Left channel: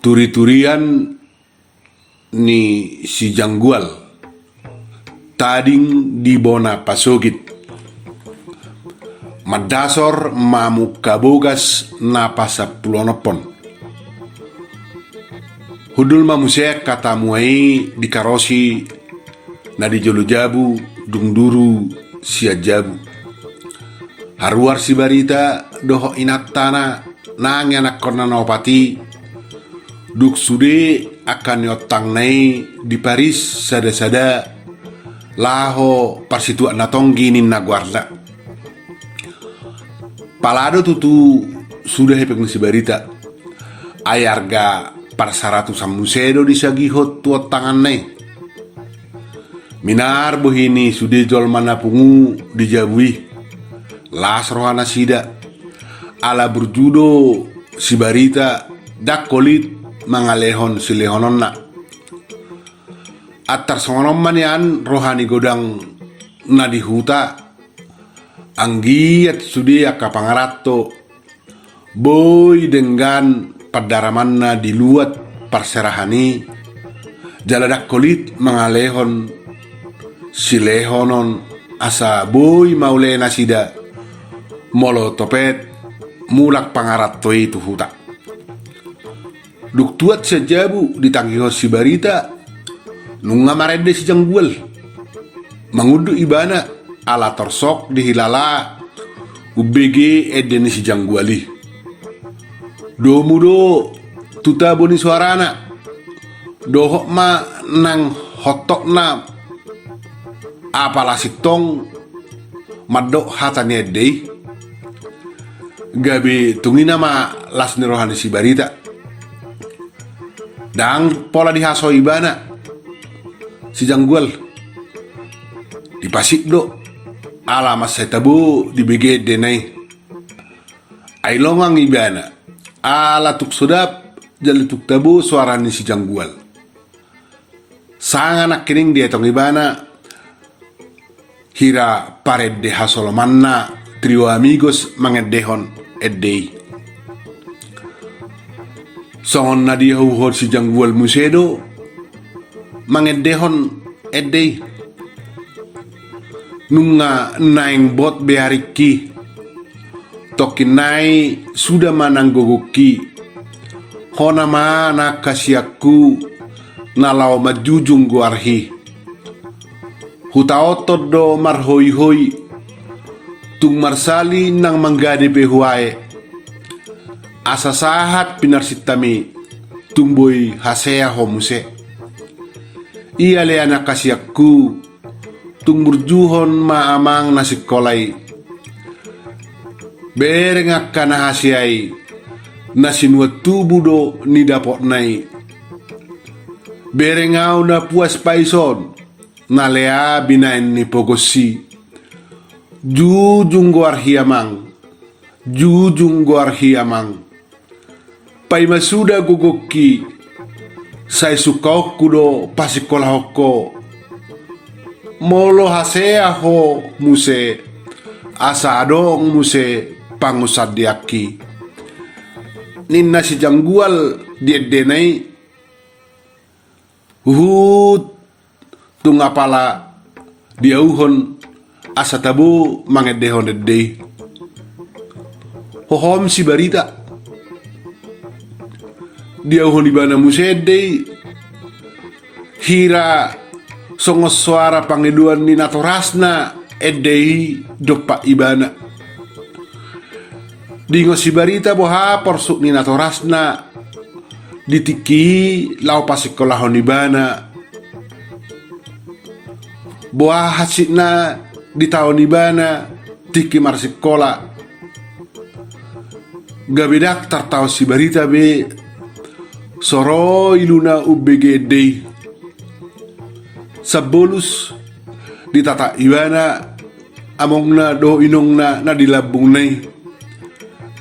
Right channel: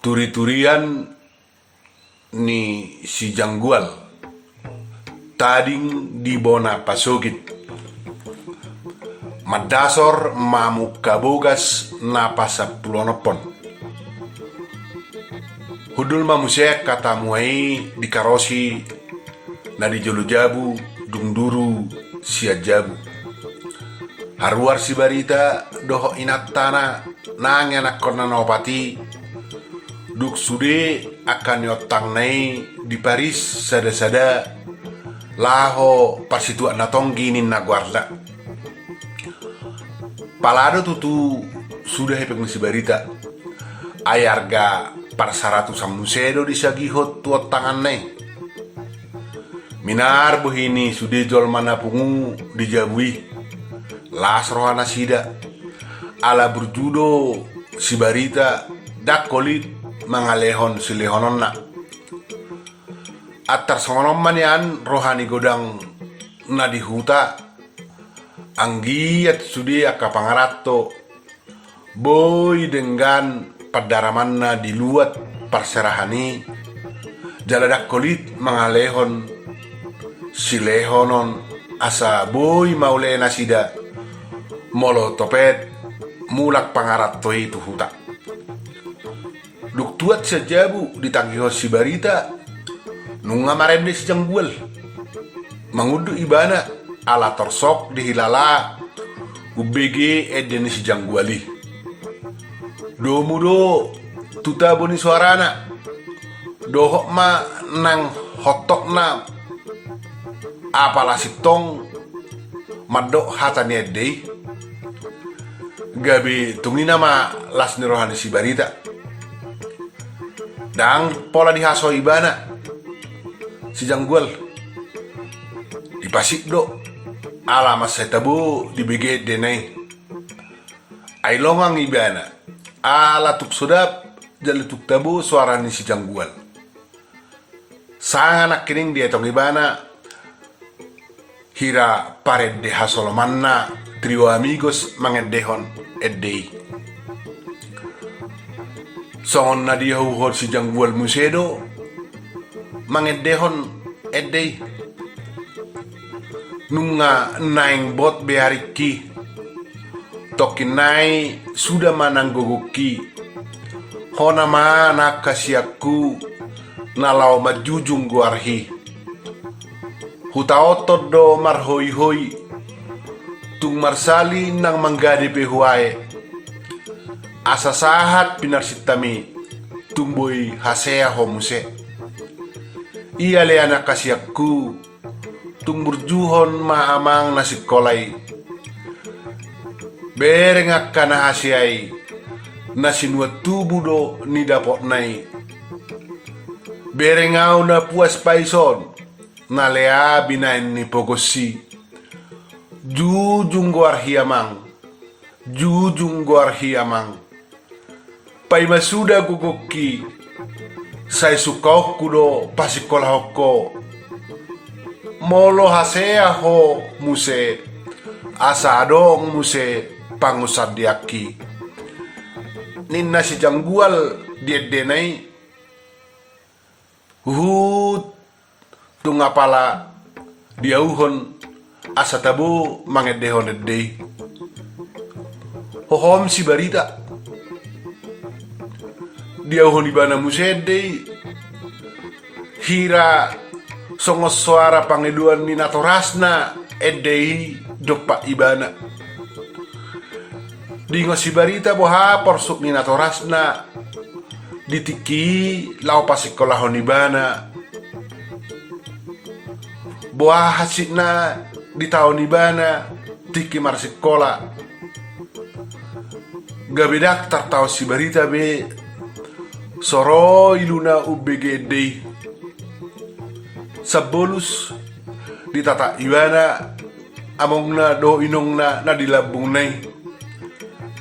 Turi-turian ni si Janggual tading di bona pasogit madasor mamu kabogas na pasapulonopon hudul mamusek kata muai di karosi na di jolu jabu dungduru sia jabu haruar si barita doho inat tanah nang anak korna nopati duk sude akan yotang nai di Paris sada-sada laho parsitu natonggi nin naguarda palado tutu sudah hepeng si barita ayarga par 100 samusedo di sagihot tuot tangan nai minar bohini sude jol mana pungu dijabui las rohana sida ala berjudo si barita dak kolit mangalehon si lehonon na atar sonom manian rohani godang na di huta anggiat sudi aka pangarato boy dengan padaraman na diluat parserahani jaladak kolit mangalehon si lehonon asa boy maule nasida molo topet mulak pangarato itu huta duk tuat sejabu ditanggiho si barita nunga marede si Janggual mangudu ibana ala torsok dihilala ubg edeni si Jangguali do mudo tuta boni suarana dohok ma nang hotok na apala sitong madok hatane dei gabi tungina ma las rohani si barita dang pola dihaso ibana si Janggual dipasik do alamat saya tabu di BG denai ay longang ibana ala tuk sudap jali tuk tabu suara ni si Janggual sang anak kining dia tong ibana hira pared de hasolomanna trio amigos mangedehon edei songon na dia huhor si Janggual musedo mangedehon edei nunga naing bot behariki tokin nai sudah mananggogoki hona mana kasiaku nalau majujung guarhi huta otot do marhoi hoi tung marsali nang manggade behuae asa sahat pinarsitami tumboy hasea homuse iya le anak kasiakku tung burjuhon maamang nasi kolai berengak kana hasiai nasi nuatu budo ni dapot nai berengau na puas paison na lea binain ni pogosi jujung guar hiamang pai masuda gugoki sai sukau kudo pasikola hoko molo hasea ho muse asa adong muse pangusad diaki ninna si Janggual diedenai hut tungapala diauhon asa tabu mangedehon edei hohom si barita diauhon ibana muse edei hira songo suara pangiduan ni natorasna edei dopa ibana dingo si barita boha porsuk ni natorasna ditiki lau pasikolahon ibana boha hasikna di tahun ibana tiki marsikola gabi daftar tau si barita be soro iluna UBG edei sabolus ditata ibana amongna do inongna na dilabung nai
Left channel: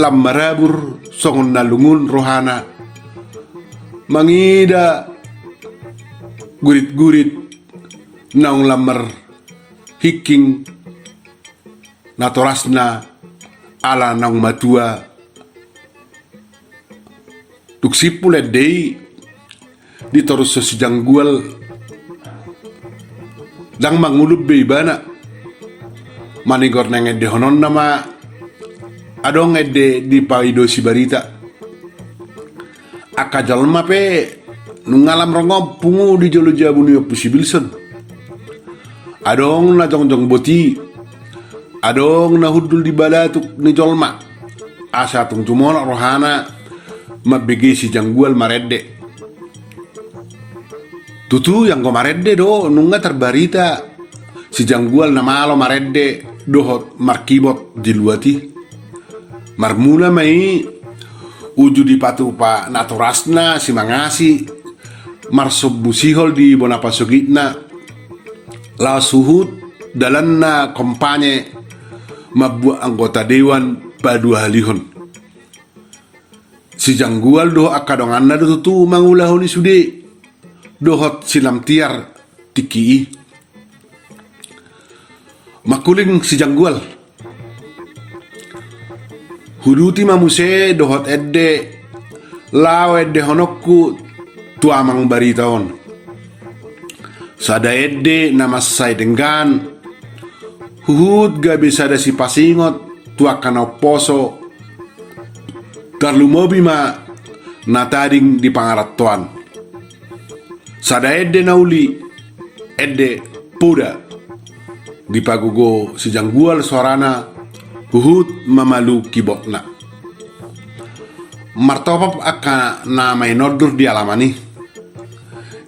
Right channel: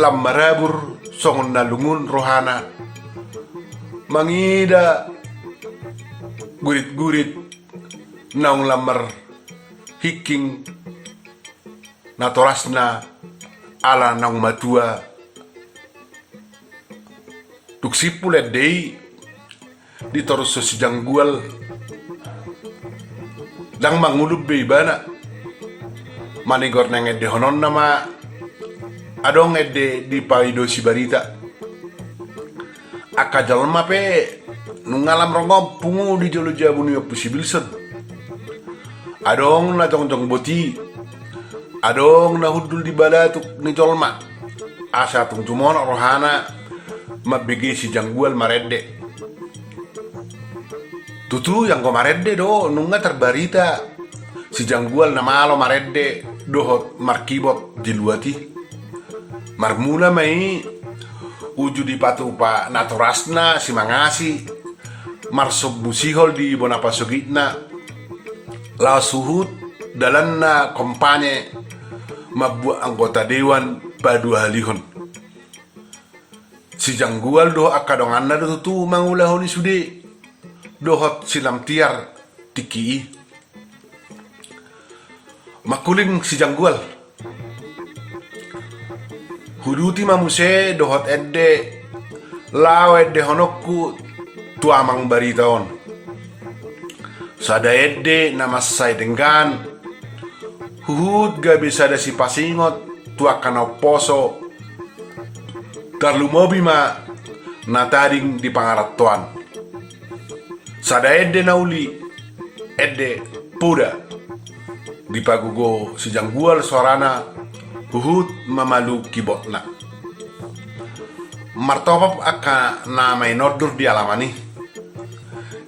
lambarabur songon na lungun rohana mangida gurit-gurit naung lamar hiking natorasna ala naung matua tuk Duk sipul edei ditorus so si janggual dang mangulub beibana manigor nang edde honon nama adong edde di paido si barita aka jalma pe nungalam rongom pungu di jolo jabu ni opusi bilson adong na jongjong boti adong na hudul di balatuk ni jolma asa tung tumon rohana mabege si janggual maredde tutu yang go maredde do nunga terbarita si janggual na malo maredde dohot markibot diluati marmula mai uju di patupa naturasna si mangasi marsob musihol di bonapa sugitna la suhut dalanna kompane mabbuat anggota dewan badua halihon si janggual do akadonganna do tutu mangulahoni sude dohot silam tiar tiki makulin si janggual huduti mamuse dohot edde law edde honokku tuamang baritaon sada edde namasay denggan huhud gabi sada si pasingot tuakana poso tarlumobi ma natading di pangaratuan sada edde nauli edde puda di pagugo si janggual suarana huhud mamalu kibotna martopap aka namay nodur di alamani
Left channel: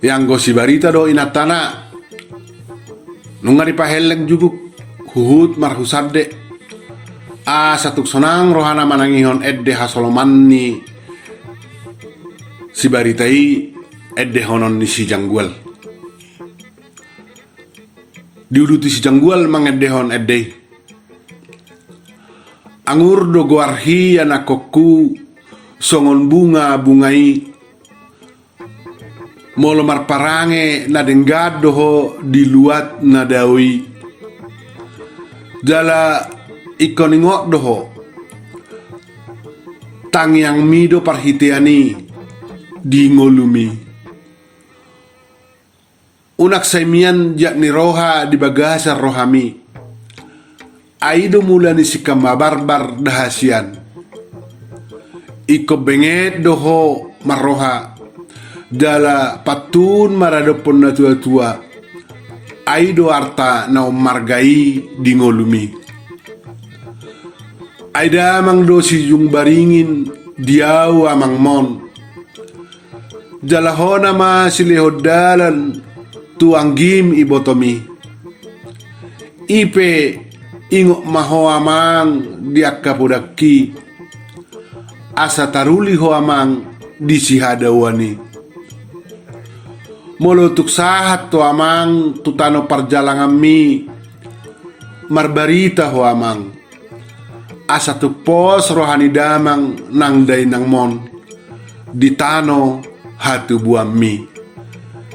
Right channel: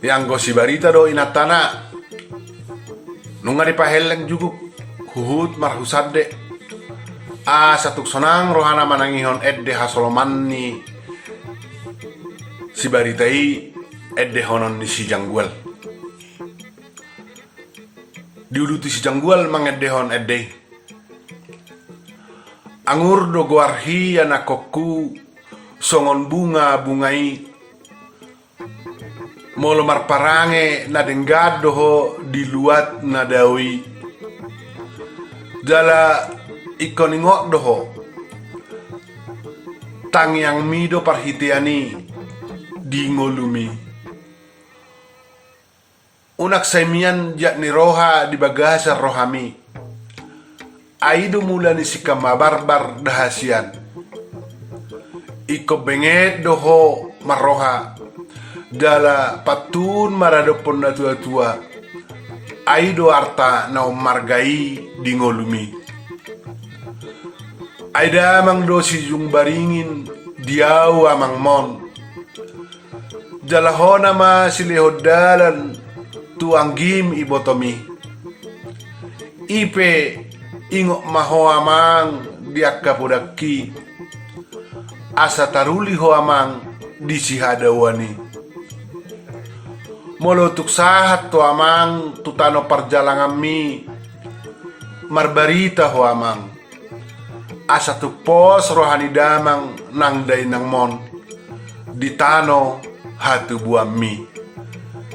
yang go si barita do inatana nunga di paheleng juguk huhud marhusabde satuk sonang rohana manangihon edde hasolomanni si baritai edde honon ni si janggual diuduti si janggual mangeddehon edde angur do goarhi anakokku songon bungai molo marparange na denggad doho diluat na dawi jala ikoningok doho tang yang mido parhitiani di ngolumi unak saimian yakni roha di bagasa rohami aido mula ni sikama barbar dahasian iko benget doho maroha jala patun maradopon na tua-tua aido arta na margai di ngolumi aida amang dosi yung baringin diaw amang mon jalahona ma silihodalan tuanggim ibotomi ipe ingok maho amang diakka podaki asa taruli ho amang disihadawani molotuk sahat to amang tutano parjalangan mi marbarita ho amang asa tu pos rohani damang nang day nang mon ditano hatu buam mi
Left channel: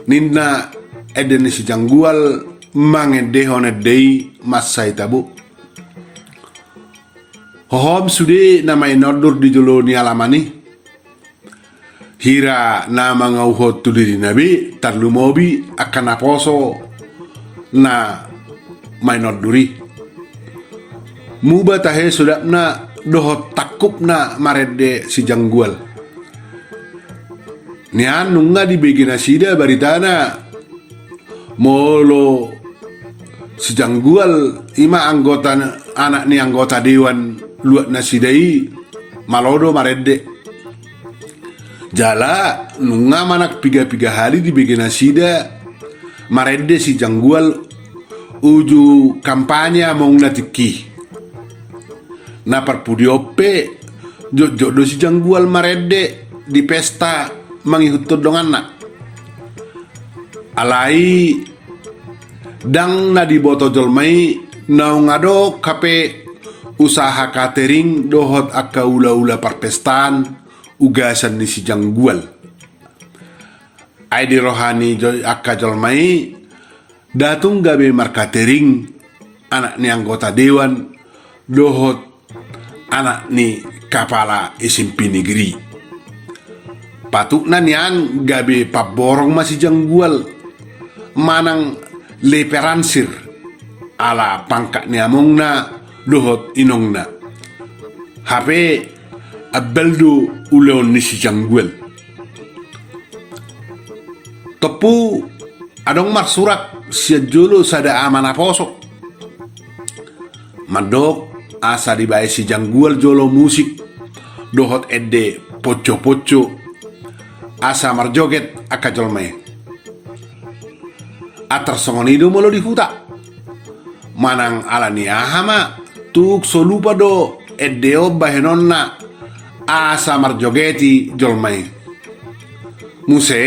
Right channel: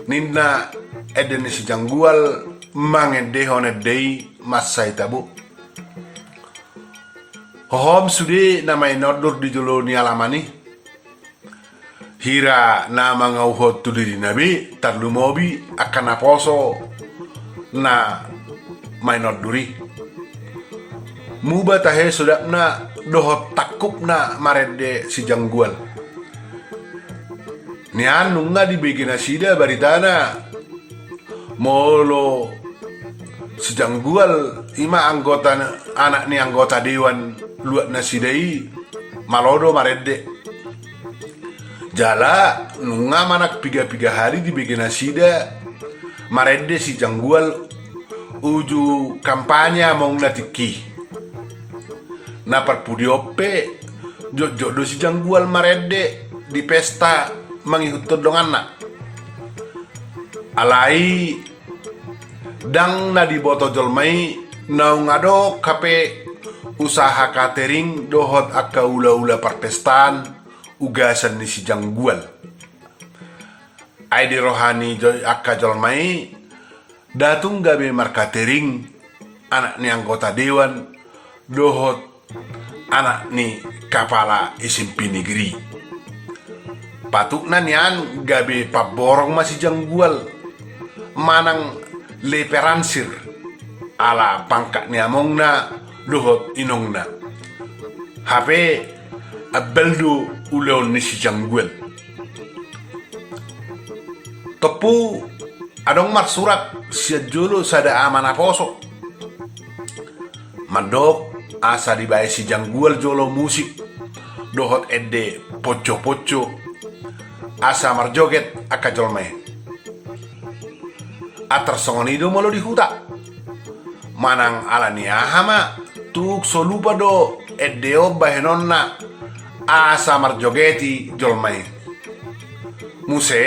ninna eden si janggual mangedehon edei masai tabu hohom sude namai nodur di jolo ni alamani hira nama ngauhot tuliri nabi tarlumobi akan aposo na mai noduri muba tahe sudapna dohot takupna marede si janggual nian nunga di begina sida baritana molo si janggual ima anggota anak ni anggota dewan luat nasidai malodo marede jala nunga manak piga hari di begina sida marede si janggual uju kampanye mong natiki na parpudiope jodoh si janggual marede di pesta mangihut donganna alai dang na di boto jolmai naungado kape usaha catering dohot akka ula-ula parpestan ugasan di si janggual ai di rohani joy akka jolmai datung gabe mar catering anak ni anggota dewan dohot anak ni kepala SMP negeri Patukna nian gabe paborong masih janggual manang leperansir ala pangkat niamongna dohot inongna. Hape abeldo uleon nisi janggual. Tepu adong marsurak sejolo sada amana poso. Mandok asa dibae si janggual jolo musik dohot edde poco-poco asa marjoget akajolme. Atar songonido molo di huta. Manang alani ahama tuk solupa do edde bahenonna asa marjogeti jolme. Muse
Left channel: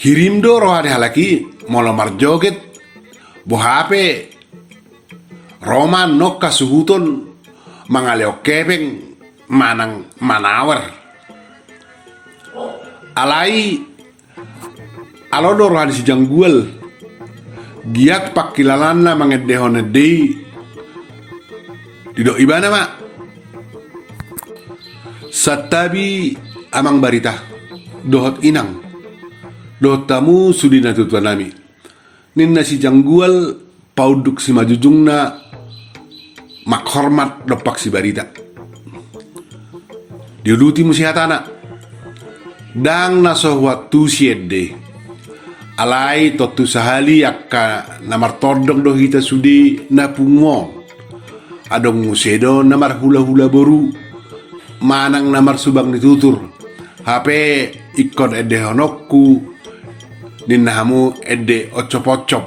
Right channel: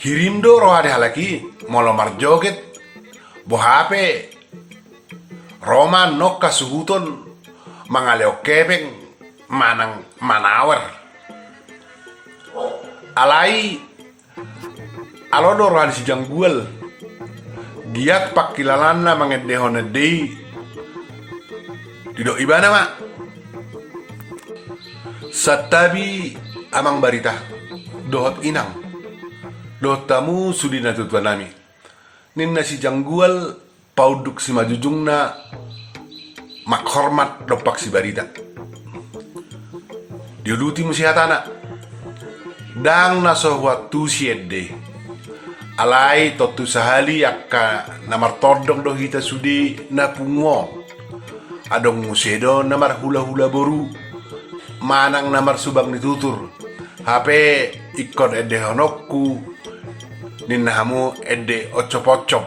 hirindo rohade halaki molo marjoget bohape Roma nokka suhuton mangaleo kepeng manang manawar. Alai alodor hadis janggual giat pakilalanna mangedehone dei dido ibana mak satabi amang barita dohot inang dohot tamu sudina tutuanami ninna si janggual pauduk si majujungna mak hormat dopak si barita diuduti musihatana dang naso waktu siede alai totu sahali akka namar todong do hita sudi napungo adong musedo namar hula-hula boru manang namar subang ditutur hape ikon ede honokku ninnahamu ede ocop-ocop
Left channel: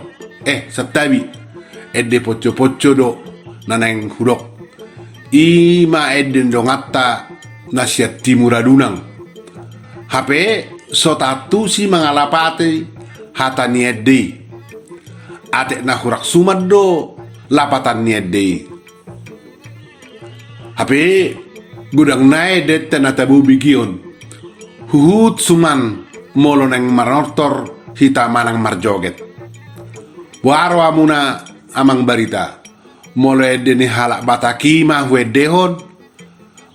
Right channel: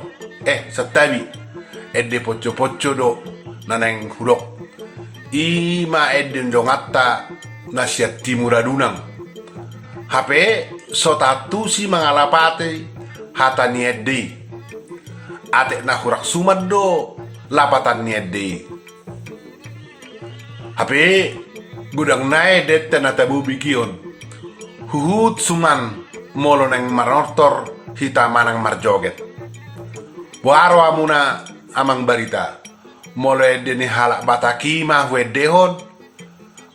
setabi ede poco-poco do naneng hurok ima ede ndongata nasihat timuradunang hape sotatu si mangalapate hata niede ate na hurak sumad do lapatan niede hape gudang nae det tanatabu bigion huhut suman molo neng marnortor hita manang marjoget waro amuna amang barita molo ede ni halak bataki mah wedehon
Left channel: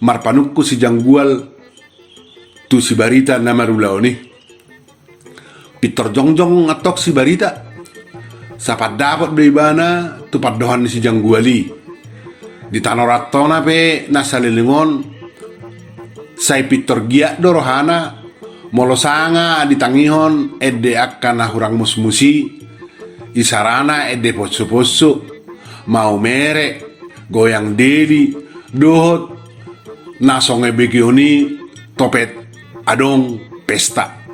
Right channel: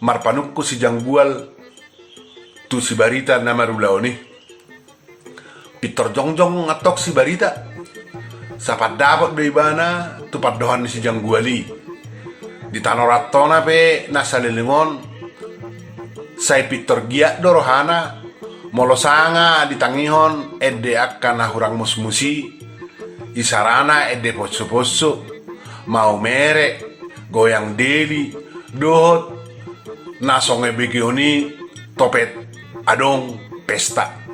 marpanukku si janggual tu si barita namarulao ni pitor jongjong ngatok si barita sapat dapat beibana tu padohan si jangguali di tanoratona pe nasalilingon sai pitor giak dorohana molo sanga ditangihon ede akan hurang musmusi isarana ede poso-poso mau mere goyang deli dohot nasonge begioni topet adong pesta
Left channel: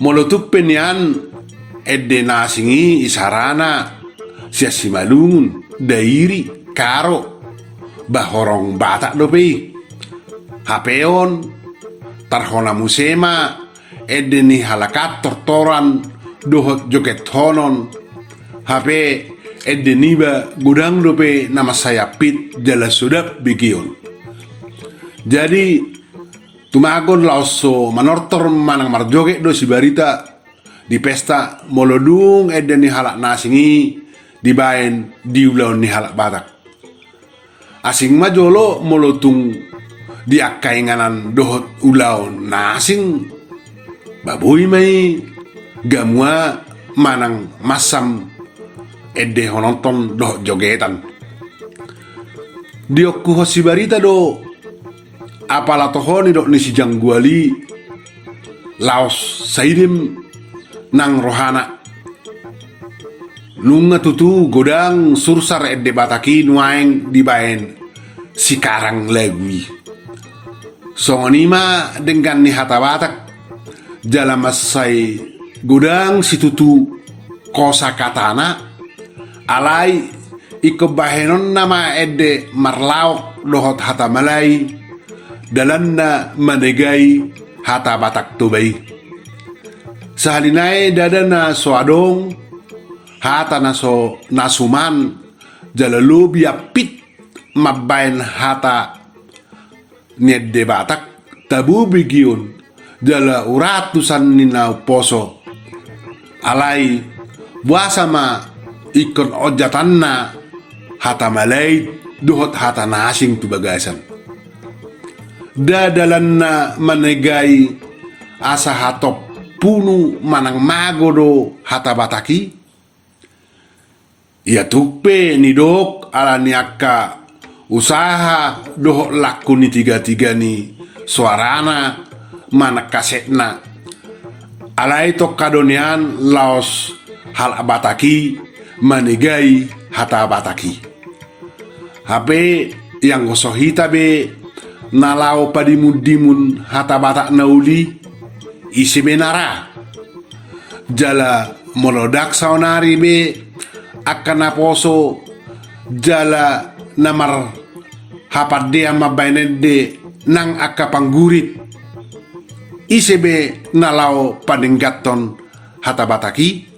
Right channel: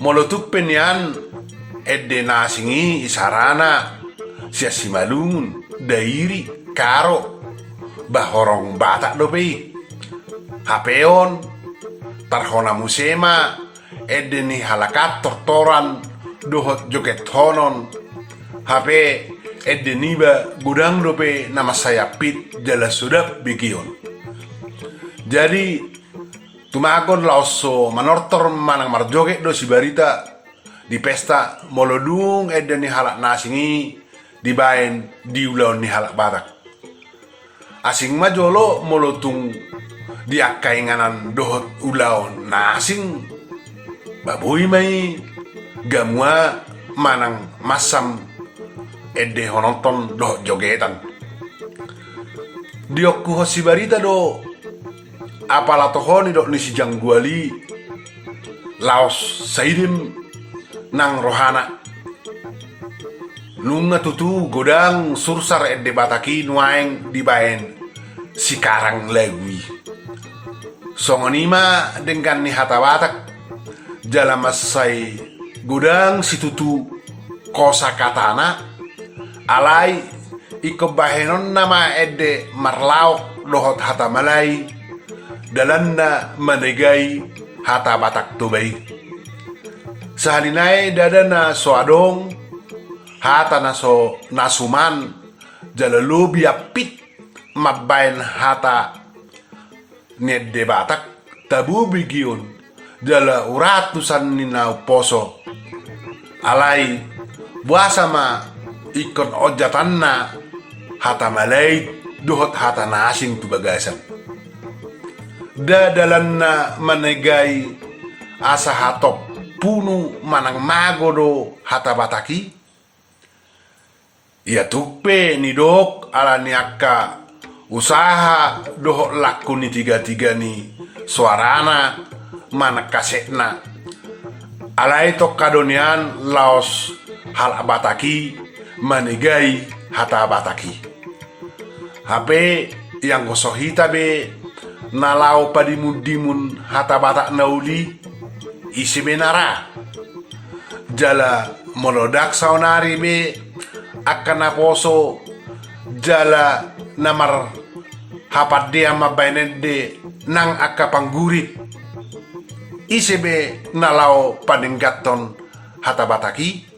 molotuk penian ede nasingi isarana sia simalungun dairi karo bahorong batak dope hapeon tarhona musema ede ni halakat tortoran dohot joget honon hape ede niba gudang dope nama saya pit jala sudap begion. Jadi tumagon lauso manortor manang marjoget do si barita di pesta molodung ede ni halak nasingi dibaen diulaon ni halak batak asing majolo molotung diakainganan dohot ulaon nasing babuy may gamua manang masam ede hononton dohot jogetan diokku si barita do apala tohoni dok ni si jangguali laos sairim nang rohana lunga tutu godang sursar ede bataki nuaeng dibaen si karang legui songonima dengan ni hata batak jala masai godang si tutu kosa katana alai ikobahenon nama ede marlaok dohot hata malai dalanna manegai hata batak tubai sahalinai dadana so adong hata naso nasuman jalalo biapit mabain hata niede batak tabu bigion jala uratusan nina poso alai buasa ma ikon ojatanna hata malai dohot hata nasing tu bagasan dadalan na manegai asa hatop punu manang magodo hata bataki. Ia tukpe ni dok ala niaka usaha doh laku ni tiga ni suarana mana kasetna ala itu kadonian laos hal bataki manegai hata bataki. Hape yang gosohita be nalau padimun hata batak naudi isi benara jala molodak saunari be akan naposo jala namar hapat dia mabainen de nang akka panggurit isi be nalau padenggaton hata bataki